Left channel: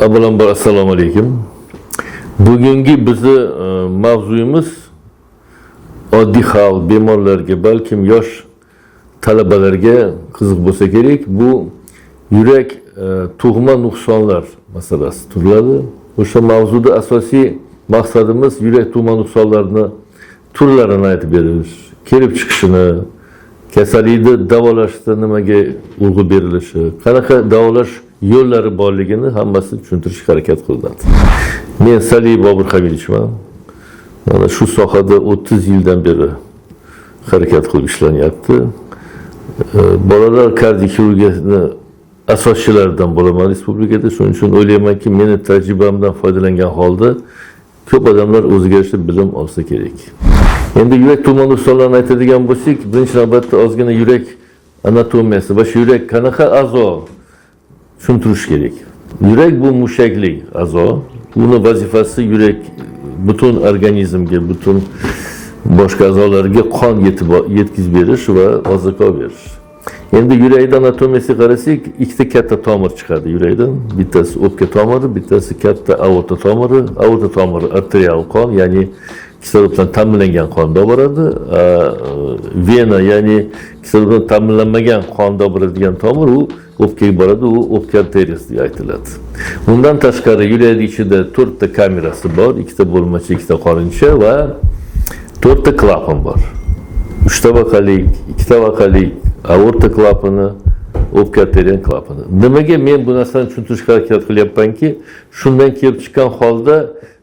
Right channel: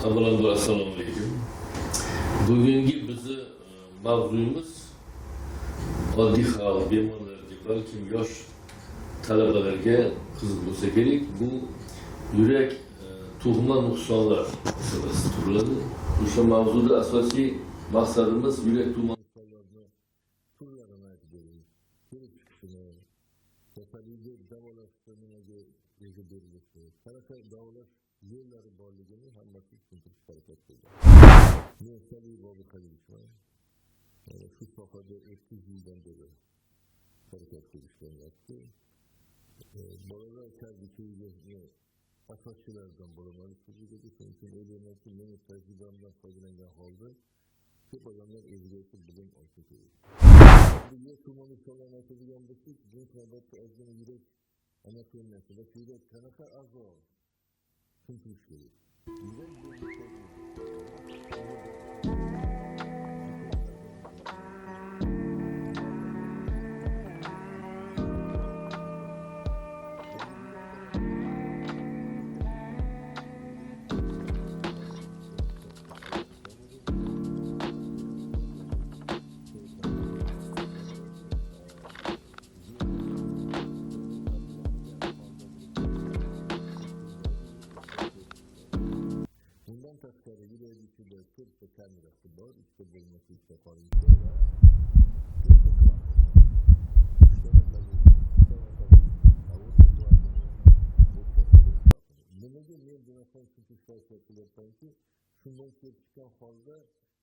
Avvalambor assalomu alaykum. Bugungi bizni mavzuyimiz oddiy xalq bemorlarga, balkim yosh talabalarga qiziq bo'lsa kerak. Bu yurak tug'ma nuqsonlar masalasi turiladi. O'sha mavzuda asosiy maqsadimiz yurak tug'ma nuqsonlarini turlarini aytib berish, kelib chiqishini, kasallikni davolashda nimaga urg'u berilishi, qanaqa davolash yo'llari borligini hammasini tushuntirishga harakat qiladi. Men Saliy Bobur Hamidovichman. Mana shu sohada 30 yildan beri harakat qilib ishlanyapti. Bolalar kardioxirurgiyasini asoschilaridan bo'laman respublikada. Shuning uchun o'ylaymanki, meni tajribamdan foydalangan holda ko'p odamlar o'ziga yarasha bilim olsa kerak. Endi yurak tug'ma nuqsonlarini aytadigan bo'lsak, birinchi navbatda ozgina yurak anatomiyasi va shu yurak qanaqa a'zo tushuntirish kerak. Yurak bu mushaklik a'zo. Uni vazifasi yurak butun organizmga, butun boshqa a'zolarga qon yetkazib berish va oziqa berish. Endi yurakda anatomiyasiga qarasak, ikkita katta tomir chiqadi yurakdan. Bittasi o'pka tomiri, bittasi katta aorta tomiri. Aorta tomiri arterial qon, ya'ni kisloroddan ta'minlangan qonda boradi. Vena, ya'ni kisloroddan ta'minlanmagan qonda boradigan tomir u o'pkaga boradi, u o'pka arteriyasi deb aytiladi. Bundan tashqari yurak ichida 4 ta kamerasi bor, 2 ta bo'lmacha, 2 ta qorincha va 4 ta klapan bor. 3 tabaqalik, 2 tabaqalik aorta klapani, o'pka arteriya klapani. Nimaga men bu narsani tushuntirishga harakat qilyapmanki, shundan kelib chiqqan holda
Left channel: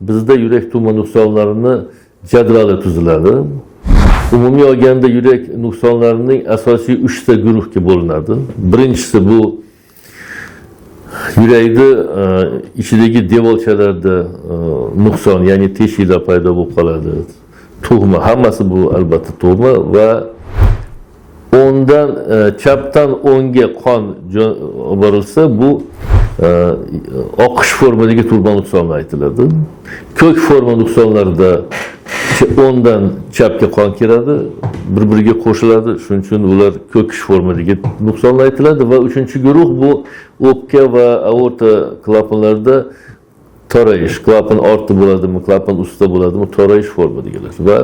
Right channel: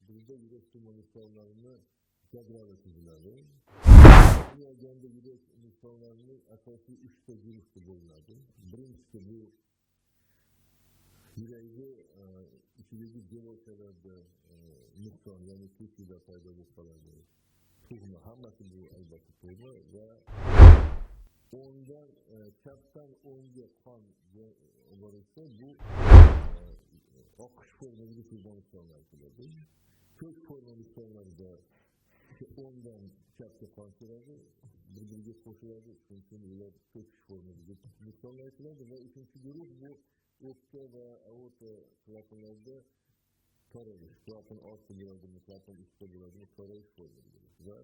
bizda yurak tug'ma nuqsonlarini jadvali tuziladi. Umumiy olganda yurak nuqsonlarining asosiy 3 ta guruhga bo'linadi. Birinchisi bu yurakni ichidagi devorchalarda nuqson, ya'ni teshiklar paydo bo'lib qoladi. Tug'ma, hammasi bu albatta tug'ma va o'ndan chapdan o'ngga qon borilsa bu oqish formidagi tug'ma nuqsonlar aytiladi. Ko'k forma nuqsonlarida o'ndan chapga qon kiradi, bir-biriga qo'shiladi. Shuning uchun ular ko'kish formidagi nuqsonlar aytiladi va uchinchi guruh bu o'pka va aorta klapanlarida to'rayish, klapan ortda bo'ladimi, klapan ustida bo'ladimi, to'rayish formadagilar va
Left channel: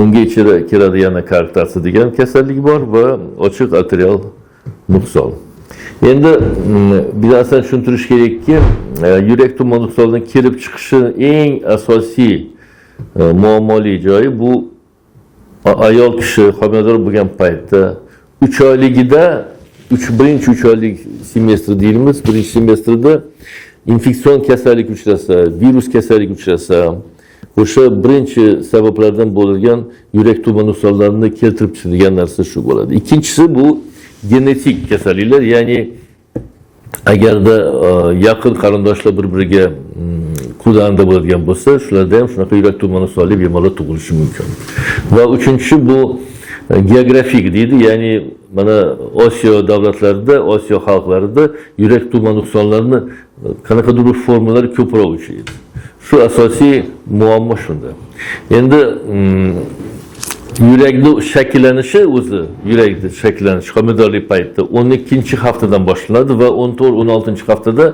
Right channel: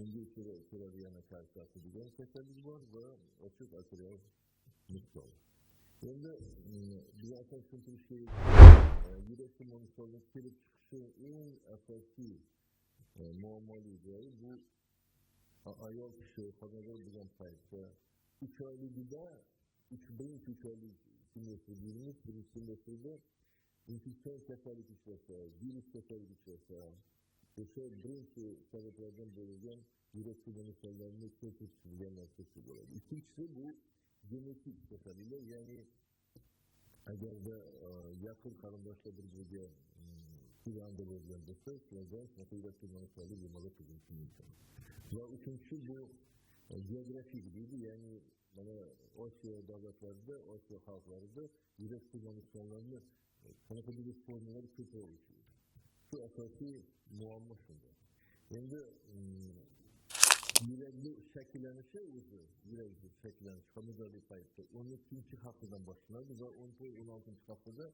unga ichida kiradi yana koarktasiya degan kasallik bor va ochiq arterial nuqson. Endi bir narsani tushuntirish kerakki, yurak tug'ma nuqsonining kelib chiqishi eng asosiy muammoli joyi bu ayol kishi homilador bo'lgan paytda 3 oyligida, birinchi 3 oylik semestr deymiz, birinchi semestrda infeksion kasallik uchrasa, virus kasallik uchrasa, o'sha birinchi sabablardan bo'lgan yurak tug'ma nuqsonlarini keltirib chiqadigan narsa shu bo'ladi. Ikkinchisi bu genetik kasalliklar, ya'ni agarda yaqin qarindoshlar bir-biriga qudanda bo'ladigan bo'lsa, shularda ham shunaqa yurak tug'ma nuqsonli bemorlar tug'ilishi mumkin. Va uchinchisi bu geografik deydi, ya'ni mana Osiyo davlatlarida, Osiyo xalqlarida yurak tug'ma nuqsonlarini qanaqadir formalari ko'proq uchraydi. Shu asosiy muammo shunda. Endi yurakning shakllanishi o'zi, yurakning shakllanishi homiladorlik paytida 12-haftadan boshlanadi va 14-16 haftada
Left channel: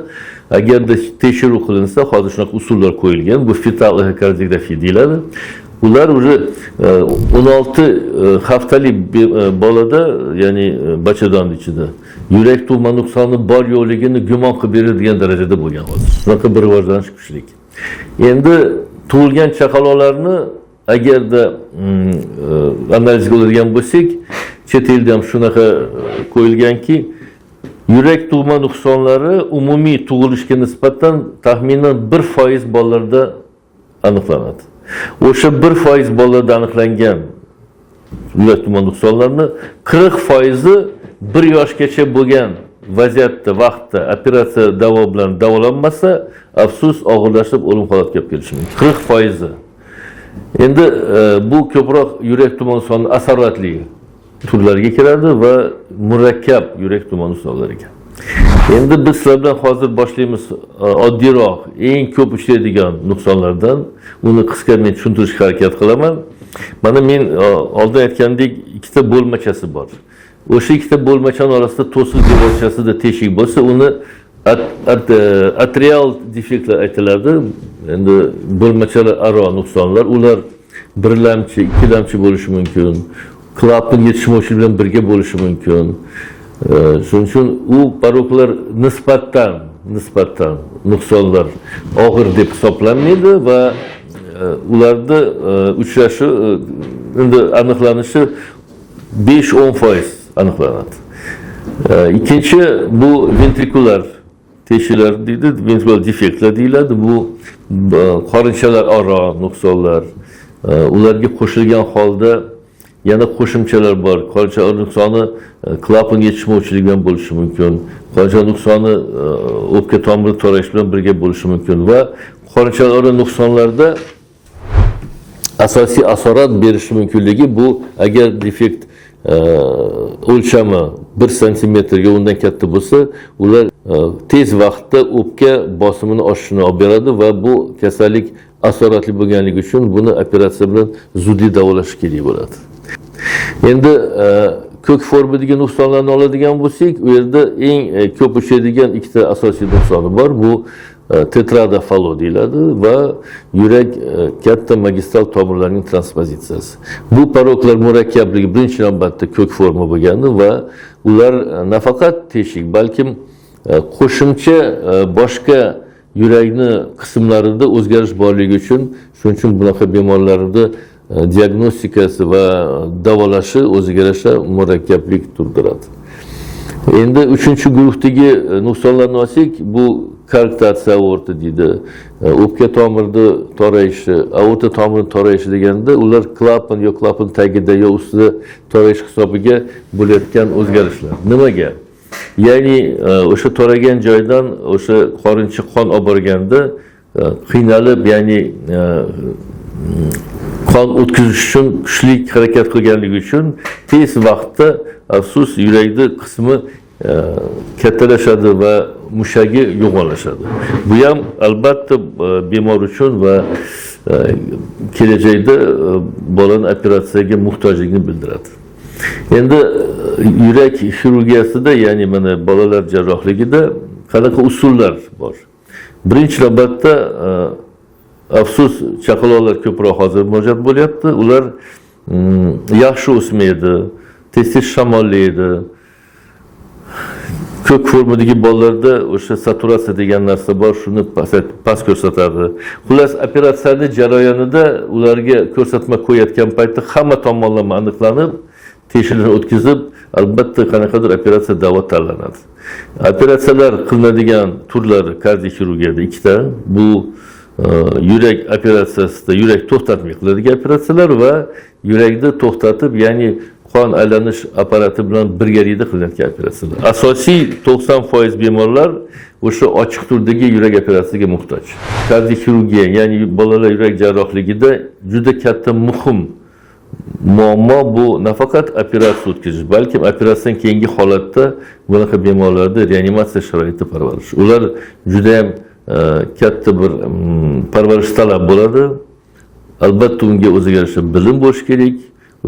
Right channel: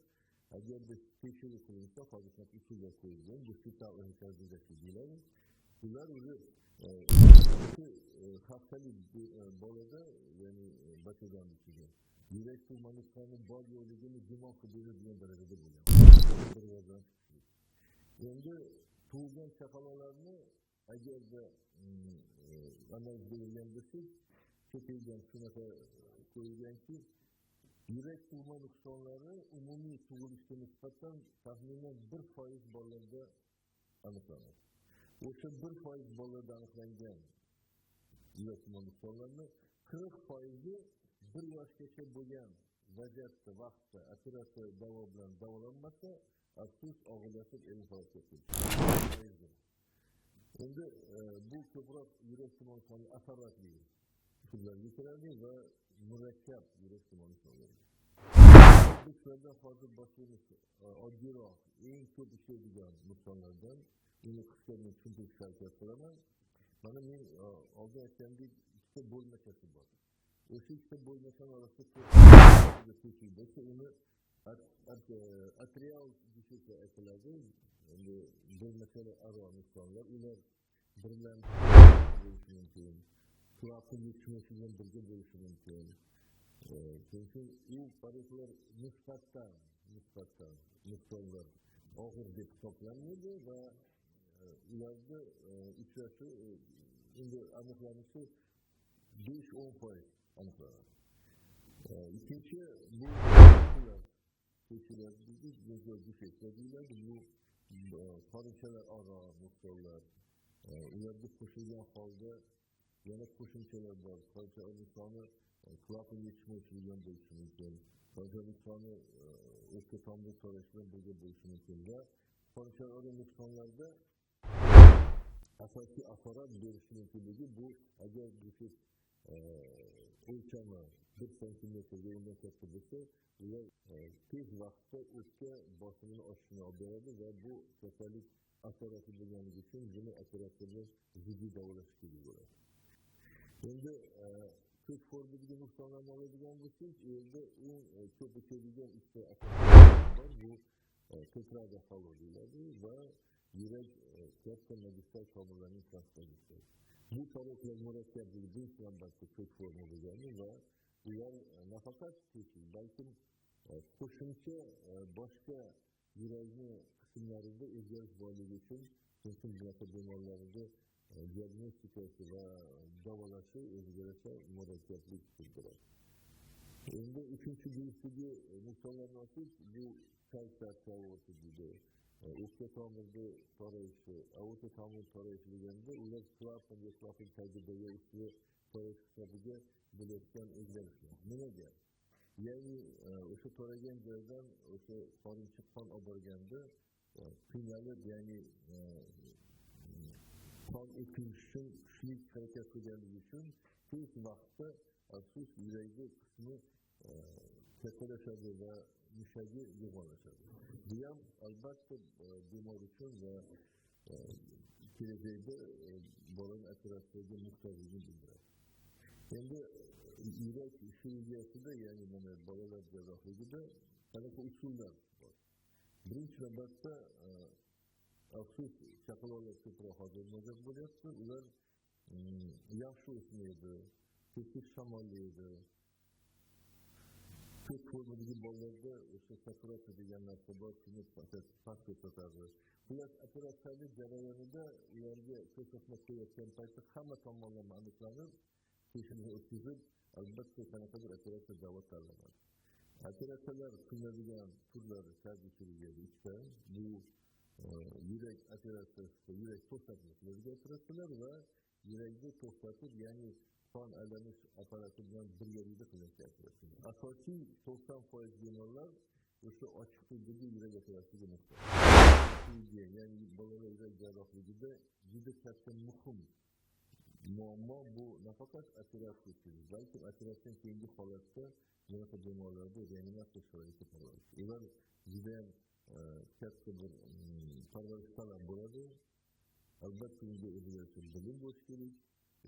agarda tekshiruv qilinsa, hozir shunaqa usullar qo'yilgan, bu fetal ekokardiografiya deyiladi. Ular уже 16 haftalik bolada, ya'ni bachadon ichida yurak tug'ma nuqsoni bor yo'qligini gumon qilib beradigan darajada bo'lgan hozir. Shunaqa bir rivojlanish kuchli. Endi tug'ilgan chaqaloqlarni agarda analiz qiladigan bo'lsak, chet elda ham shunaqa qo'yilganki, yurak tug'ma nuqsonlari umumiy tug'ilishga nisbatan taxminan 1% bolalarda aniqlanadi. O'sha 1% bolalarda aniqlangan yurak tug'ma nuqsonlarini 40% 1 yoshgacha bo'lgan vaziyatda, vaqtda operatsiya davo bilan davolanmasa, afsus og'irlashib o'lim holatiga olib kelishi mumkin. 40%. Endi bu ko'proq yurak tug'ma nuqsoni asoratli turlarga kiradi va murakkab yurak tug'ma nuqsonlariga. Endi biz sizlar bilan hozir boshlaymiz oddiyroq, eng ko'p uchraydigan nuqsonlardan. Uni qisqa men tushuntirishga harakat qilaman. Mana men oldin aytgandek, ikkita bo'lmachasi bor. O'sha ikkita bo'lmachani orasida to'siq devorchasida teshik bo'lsa, uni atrial defektlar aytiladi. Endi bo'lmachalar aro nuqsonlar, ular birlamchi, ikkilamchi bo'lishi mumkin. Klapan yetishmovchiligi bilan birga bo'lishi mumkin. Shuning uchun u paroklar nisbatan nuqsonlar og'ir deb hisoblanmaydi va ularda uchrashi endi aniqlanishi 5-10% aniqlanadi. İkinci bu ventrikular teşhilar deydi, ventrikular defektlar deyiladi. Bu qorinchalar aro nuqsonlar. Ularga qo'shilgan holda yana qo'shimchalar bor. Qorincha nuqsoni klapan yetishmovchiligi bilan bo'lishi mumkin. Qorincha nuqsoni o'pka tomiri to'rayish bilan birga bo'lishi mumkin va qorinchalar aro nuqsonlarda asosiy asorat berishi mumkinligi bu agar defekt o'lchami 1 santimetrga undan katta bo'lsa, ular tez vaqtda o'pka bosimini oshishini olib beradi va bu kasallik asoratli bo'lganligi uchun buni operatsiya bilan zuddiy davolash kerak bo'ladi. Endi ko'k formidagi nuqsonlarni oladigan bo'lsak, u yerda eng ko'p uchraydigan ikkita asosiy nuqsoni bor. Bu tetradafalo deyiladi va yurak katta magistral tomirlarning transpozitsiyasi. Bu paroklar murakkabligi birinchi navbatda ko'k forma bo'lgandi va ular nafaqat teshik, balkim qo'shimcha boshqa yurakni qismlarida o'zgarish borligi uchun, shuning uchun bunaqa bemorlarda diagnostikasi va davolashi o'ziga yarasha murakkablik tug'diradi. Endi 3-guruhdagi nuqsonlarni olsak, bu koarktatsiya aorta deydi. O'pka tomirida to'rayishi, aorta tomiri to'rayishi deganda ular klapan yo klapan tagida yo ustida to'rayish hisobiga bo'layotgan o'zgarishlar. Nimaga? Ya'ni o'sha to'ragan joydan o'sha qorincha qon olib borganda qiynalib, ya'ni qon o'tkazish uchun kuchli harakat qilganligi uchun tez vaqtda afsus yurakning qismi kattalashadi va mushagi yo'g'onlashadi. Bu ham albatta bemor uchun va kelajakda bolaning operatsiyaga muhtojligini bildiradi. Endi yurak xirurgiyasida, ya'ni mana bolalar jarrohligida qanaqa usullar bor? Birinchi navbatda afsus chaqaloqlar ko'proq hozir murojaat bo'lyapti. Ular yaxshi o'smaydi, tez-tez shamollaydi. Ko'k formidagi bolalarda o'sha saturatsiya degan narsa bor, shuni past ko'rsatadi. Xullas, operatsiyaning jarayonida ularga ko'rsatma qo'yayotgan paytda hamma tomonlama aniqlanib, tekshiruvdan o'tkazib, albatta qanaqadir operatsiya davo tanlanadi. Operatsiyalar qilinadigan turlari kardioxirurgiyada ikkita. Bu yurak operatsiyasida yurak to'xtatmay qiladigan operatsiyalar va yurakni to'xtatib, ya'ni qon aylanish apparati bilan birgalikda qilinadigan operatsiyalar. Asosiy 90% bemorlar o'sha ochiq turdagi yurak operatsiyasiga muhtoj. Kardioxirurgiya, ya'ni bolalar yurak jarrohligida juda katta muhim muammo bu nafaqat operatsiya o'tkazish, balki operatsiyadan keyingi holatda bunaqa bemorlarda reanimatsiya sharoitida parvarish. Ular juda ham katta bir parvarish talab bo'ladi. Albatta unga o'ziga yarasha bilim bo'lishi kerak.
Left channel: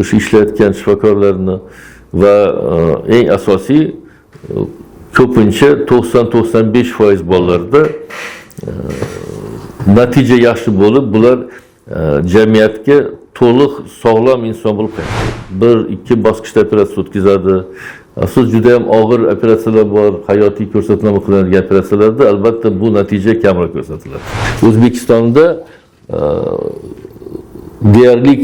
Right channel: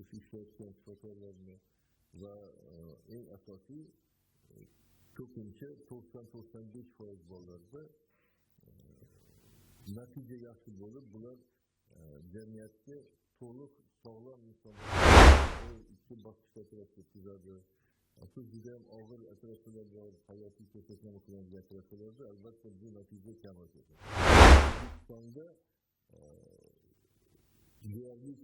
O'sha ishlayotgan shifokorlarni va eng asosiy ko'pincha 90-95% bolalarda natija yaxshi bo'lib, bular jamiyatga to'liq sog'lom inson bo'lib qoladi. 1-2 bosqichda operatsiya o'tkazadi. Afsus juda ham og'ir operatsiyalar bor, hayotiy ko'rsatma qilinadigan operatsiyalarda albatta bu natija kamroq ko'rsatiladi. O'zbekistonda deyarli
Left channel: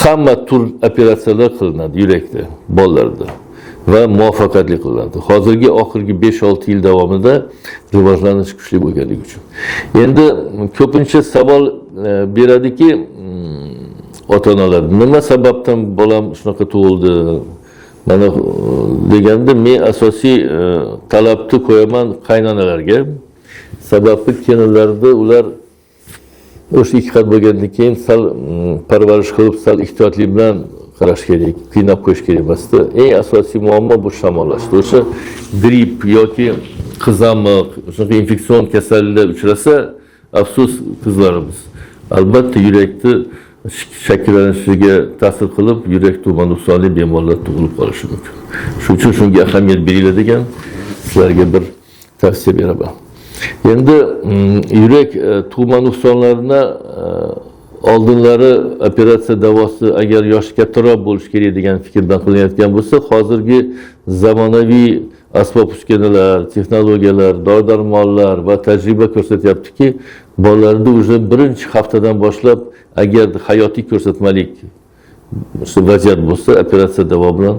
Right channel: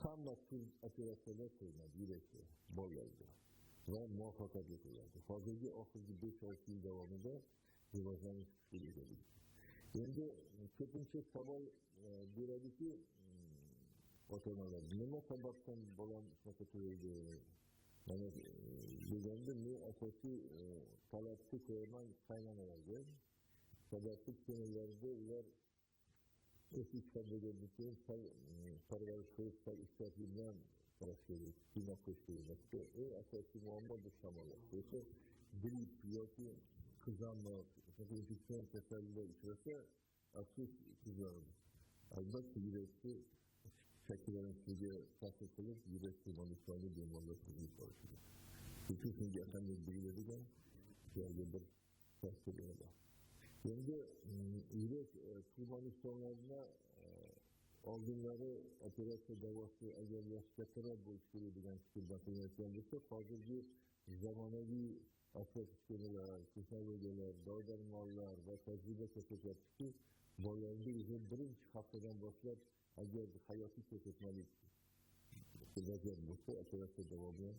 hamma tur operatsiyalar qilinadi yurakda, bolalarda va muvaffaqiyatli qilinadi. Hozirgi oxirgi 5-6 yil davomida rivojlanish kuchli bo'lganligi uchun. Endi ko'pincha savol beradiki, ota-onalar, nima sababdan bolam shunaqa tug'ildi? Mana deganda men asosiy talabni qo'yaman qaynonalarga. Sababi kelinlarda ular o'sha ikki qat bo'lgandan keyin sal parvarish qilib, sal ehtiyotlik bilan qarash kerak, qiynab qo'yish kerak emasdi. Eng asosiy muammo bu shamollashdi. O'sha gripp yoki qizamiq, o'sha infeksion kasalliklar uchrasa, afsus qizlarimiz albatta yurakni shakllanishiga ta'sir qilib, yurak tumor nuqsonli bemorlar tug'ilib qolishi mumkin. Shuning uchun shunga ahamiyat beriladigan sizlarga bir tavsiya beraman. Endi yurak tug'ma nuqsonlarini oldinlari operatsiya davosi agar yoshi kattaroq bo'lishi kerak degan fikrdan qilinayotgan bo'lsa, hozirgi zamonaviy asbob uskunalar, texnologiyalar, dori-darmonlar va tajriba ko'rsatyaptiki, bolalarda уже birinchi haftadan boshlab agar hayotiy ko'rsatmalik vaziyat bo'lsa, operatsiya davo bilan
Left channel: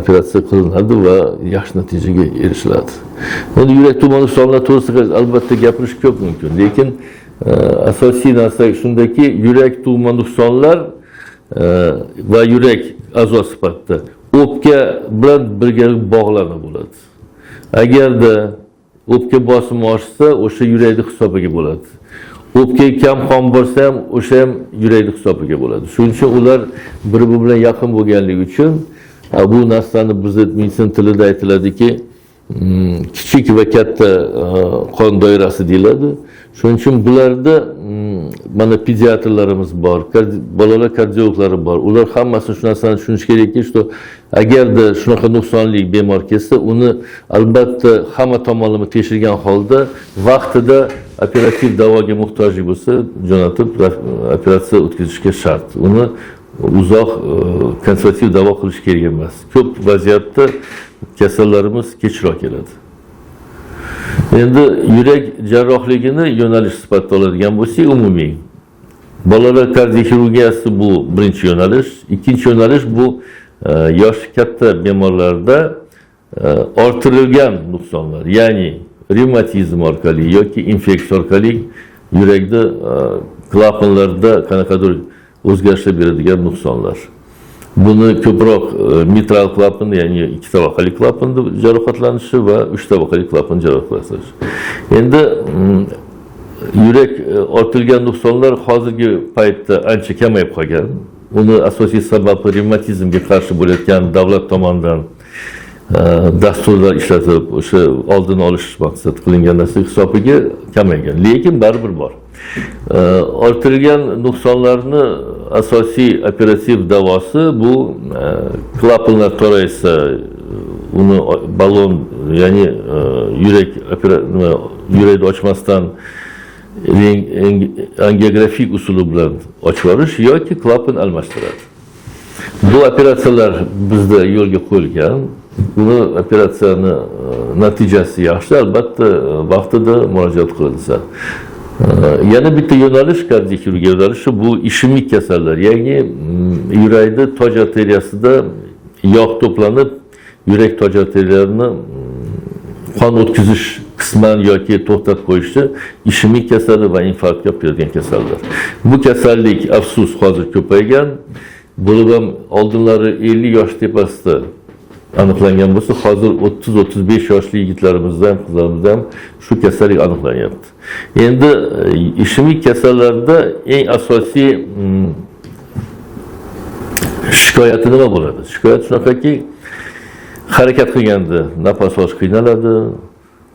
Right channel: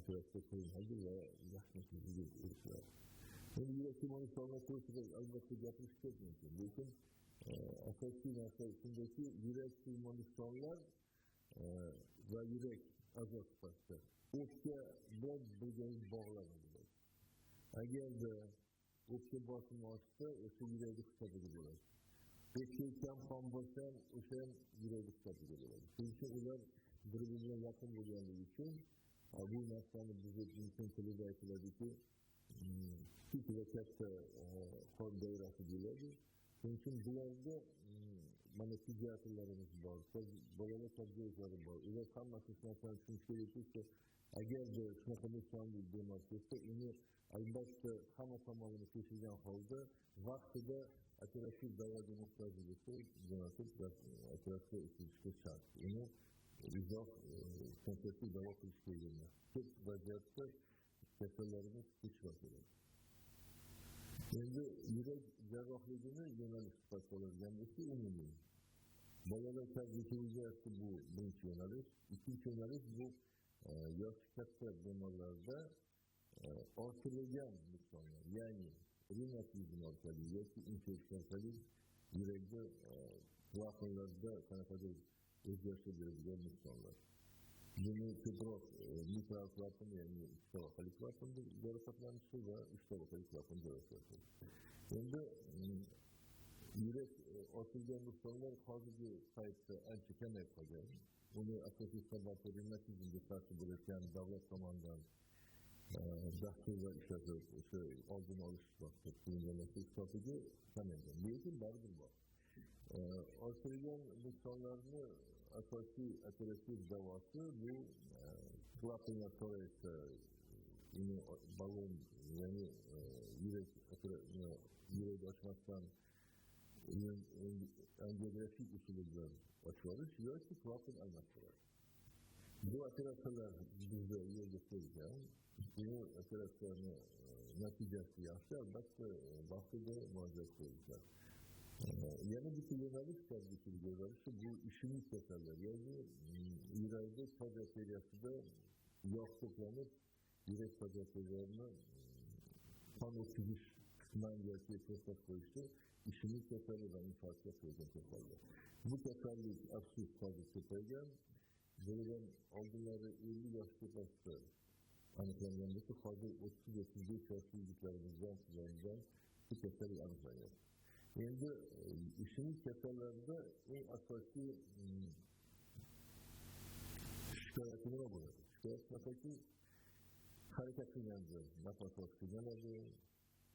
operatsiya qilinadi va yaxshi natijaga erishiladi. Endi yurak tug'ma nuqsonlari to'g'risida albatta gapirish ko'p mumkin, lekin asosiy narsa shundaki, yurak tug'ma nuqsonlar va yurak a'zo sifatida o'pka bilan birgalikda bog'lanib bo'ladi. Agarda o'pka bosimi oshsa, o'sha yurakning hisobiga bo'ladi. O'pkaga kam qon borsa ham, o'sha ham yurakning hisobiga bo'ladi. Shuning uchun ular bir-biri bilan yaqin bo'lganligi uchun bu narsani bizning meditsin tilida aytiladiki, kichik va katta qon doirasi deyiladi. Shuning uchun bularda mana pediatrlarimiz bor, bolalar kardiologlari bor. Ular hammasi shu narsani tushunish kerakki, agarda shunaqa nuqsonli bemor kelsa, uni albatta hamma tomonlama tekshirgan holda vaqtida operativ davoga muhtojlik bo'lsa, jo'natib operatsiya o'tkazishga shart. Uni uzoq konservativ davo qilish kerak emas. Ko'p vaziyatda kasallarimiz kechroq keladi. Endi yurak jarrohligini yo'nalish sifatida oladigan bo'lsak, umumiy bolalar kardioxirurgiyasi bu birinchi yo'nalish. Ikkinchi yo'nalish bu yoshi katta bemorlarda orttirilgan nuqsonlar, ya'ni revmatizm orqali yoki infeksiya orqali yurakda klapanlarda qanaqadir o'zgarishlar beradigan nuqsonlar. Buni ko'proq mitral klapan, ya'ni 2 tabaqali klapanda jarohatlanishi va 3 tabaqali klapan jarohatlanishi. Endi yurak ortilgan nuqsonlar hozirgi paytda ancha kamayib qolgan. Uni asosiy sababi revmatizmga qarshi bo'layotgan davlat tomonidan dasturlar ishlatib, o'sha oldini olish maqsad qilingan narsa hisobiga kamaygan. Lekin baribir bor. Ortilgan nuqsonlarni asosiy operativ davosi bu klapanlar toraysa, uni balon, ya'ni yurakni ochmasdan angiografik usuli bilan ochib yuborish yoki klapan almashtiradi. Bu operatsiyalar bizda yo'lga qo'yilgan. Buni operatsiyani natijasi yaxshi, albatta vaqtida murojaat qilinsa. Yana bitta yo'nalish kardioxirurgiya yo'nalishi bu ishemik kasallar, ya'ni yurakda toj arteriyasida yog' to'planib, yurak toj arteriyalarini qon o'tkazish qisman yoki to'xtatib qo'yishi ishemik kasali va infarktga olib keladigan kasallar. Bu kasallik afsus hozir ko'paygan. Bo'lib ham oldinlari 50 yosh tepasida aniqlangan bo'lsa, hozir 30-35 yoshli yigitlarimizda ham, qizlarimizda ham shu kasallik aniqlanyapti. Endi ishemik kasallarda eng asosiy shikoyati nima bo'ladi? Shikoyat shunaqaki, harakat qilganda nafas olish qiynaladi,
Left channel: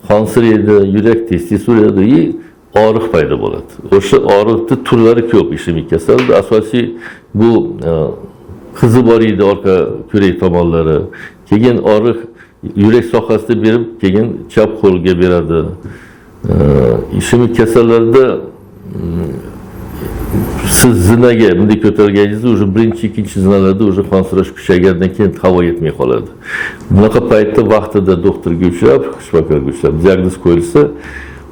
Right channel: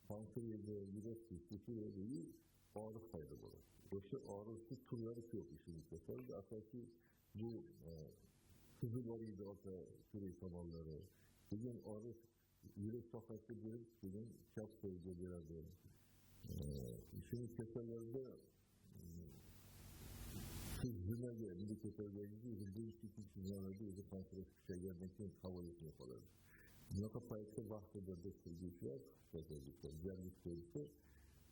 qonsiraydi, yurak tez-tez uradi, og'riq paydo bo'ladi. O'sha og'riqning turlari ko'p ishemik kasalda. Asosiy bu qizi bor edi orqa ko'rak tomonlari. Keyin og'riq yurak sohasida berib, keyin chap qo'lga beradi. Ishemik kasallarda siz zinaga bunday ko'targaningizda уже birinchi, ikkinchi zinalarda уже qonsirash kuchaygandan keyin havo yetmay qoladi. Bunaqa paytda vaqtida doktorga uchrab, shifokorga uchrab diagnoz qo'yilsa,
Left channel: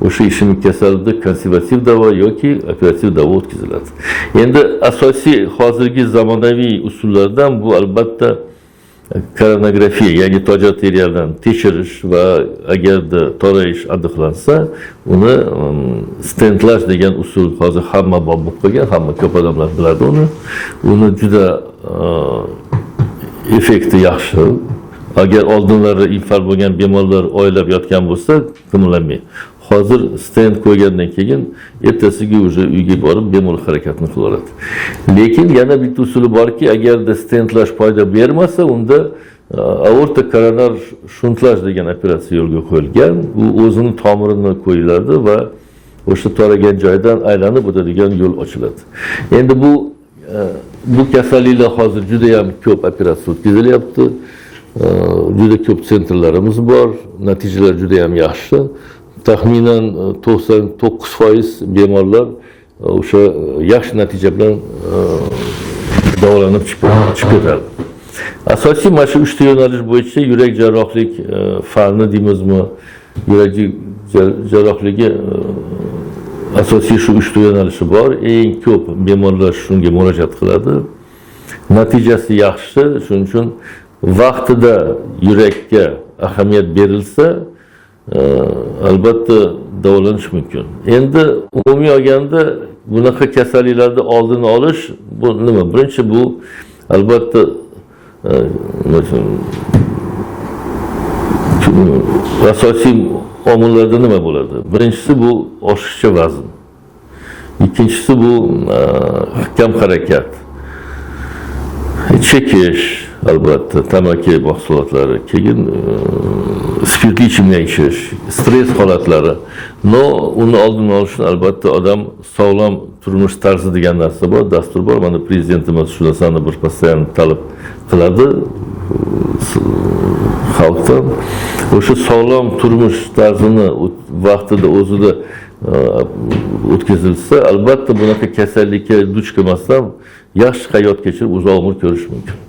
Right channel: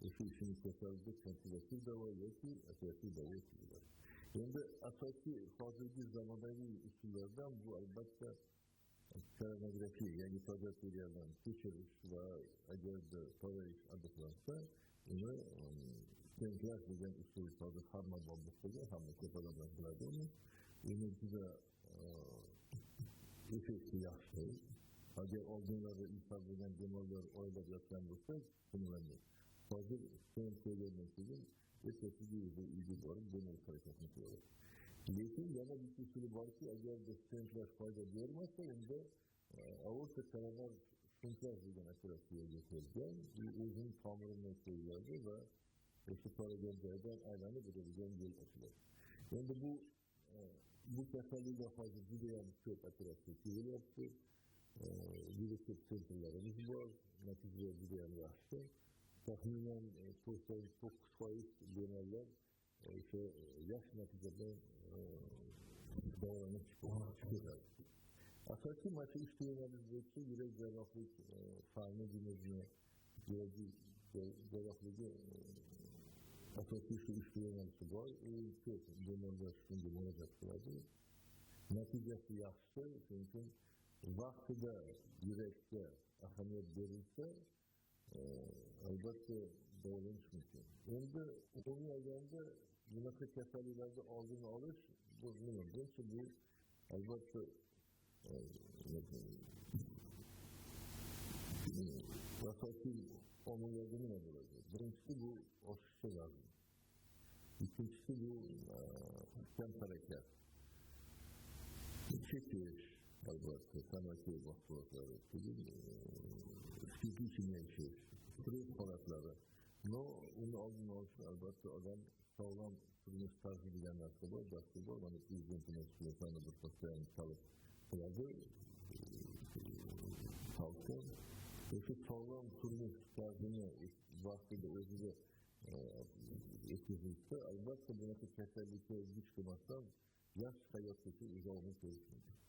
o'sha ishemik kasalda konservativ davo yoki operativ davo o'tkaziladi. Endi asosiy hozirgi zamonaviy usullardan bu albatta koronagrafiya, ya'ni toj arteriyadan tekshirish va agarda torayish aniqlansa, uni stentlash degan usul hozir hamma bor bo'lib qolgan, hamma ko'p odamlar biladi uni. Uni juda effekti yaxshi. Agar oldinlari infarkt bo'lgan bemorlar oylab yotgan bo'lsa, qimirlamay. Hozir stent qo'ygandan keyin ertasiga уже uyga borib bemor harakatini qilaveradi. Lekin yana bitta usuli borki, agarda stentlash foyda bermasa, unda aorta koronar shuntlash degan operatsiya yo'lga qo'yilgan. U o'zini tomirini qo'yiladi va o'sha toragan joydan aylanib o'tadigan yo'l ochiladi. Endi bu kasalliklar hozir juda ham ko'p operatsiya o'tkazilyapti. juda ko'p sentrlarimiz bor, natijalar juda ham yaxshi. Taxminan 99% bemorlar o'sha yaxshi natija bilan davolanib chiqadi. Asosiy mana shu 3 ta yo'nalish bo'yicha yurak jarrohlik fani deymizmi, yurak jarrohligi asosiy shu 3 ta yo'nalishi bor. Eng ko'p bemorlar shunga murojaat qiladi. Natijasi yaxshi, shuning uchun vaqtida yurakka ahamiyat berilsa, albatta davolanish mumkin. Endi umumiy olganda bunaqa kasalliklarni oldini olish bu nima? Birinchi bu albatta asosiy omillarda nima bo'ladi? Birinchisi bu oshiqcha vazn. Ikkinchisi bu kam harakat. Chekish, albatta, tamaki mahsulotlari, keyin spirtli ichimlik ichish, stress holatlari. No, uni oldini olish uchun albatta odam sog'lom turmush tarzi degan narsa bor, dastur bor. Mana prezidentimiz shu narsani bir postoyan talab qiladi xalqdan. O'sha sog'lom turmush tarzini vaqtida o'zida o'tkazilsa, albatta bunaqa kasallikka duch kelmasdan yaxshi hayot kechirib uzoq umr ko'rish mumkin.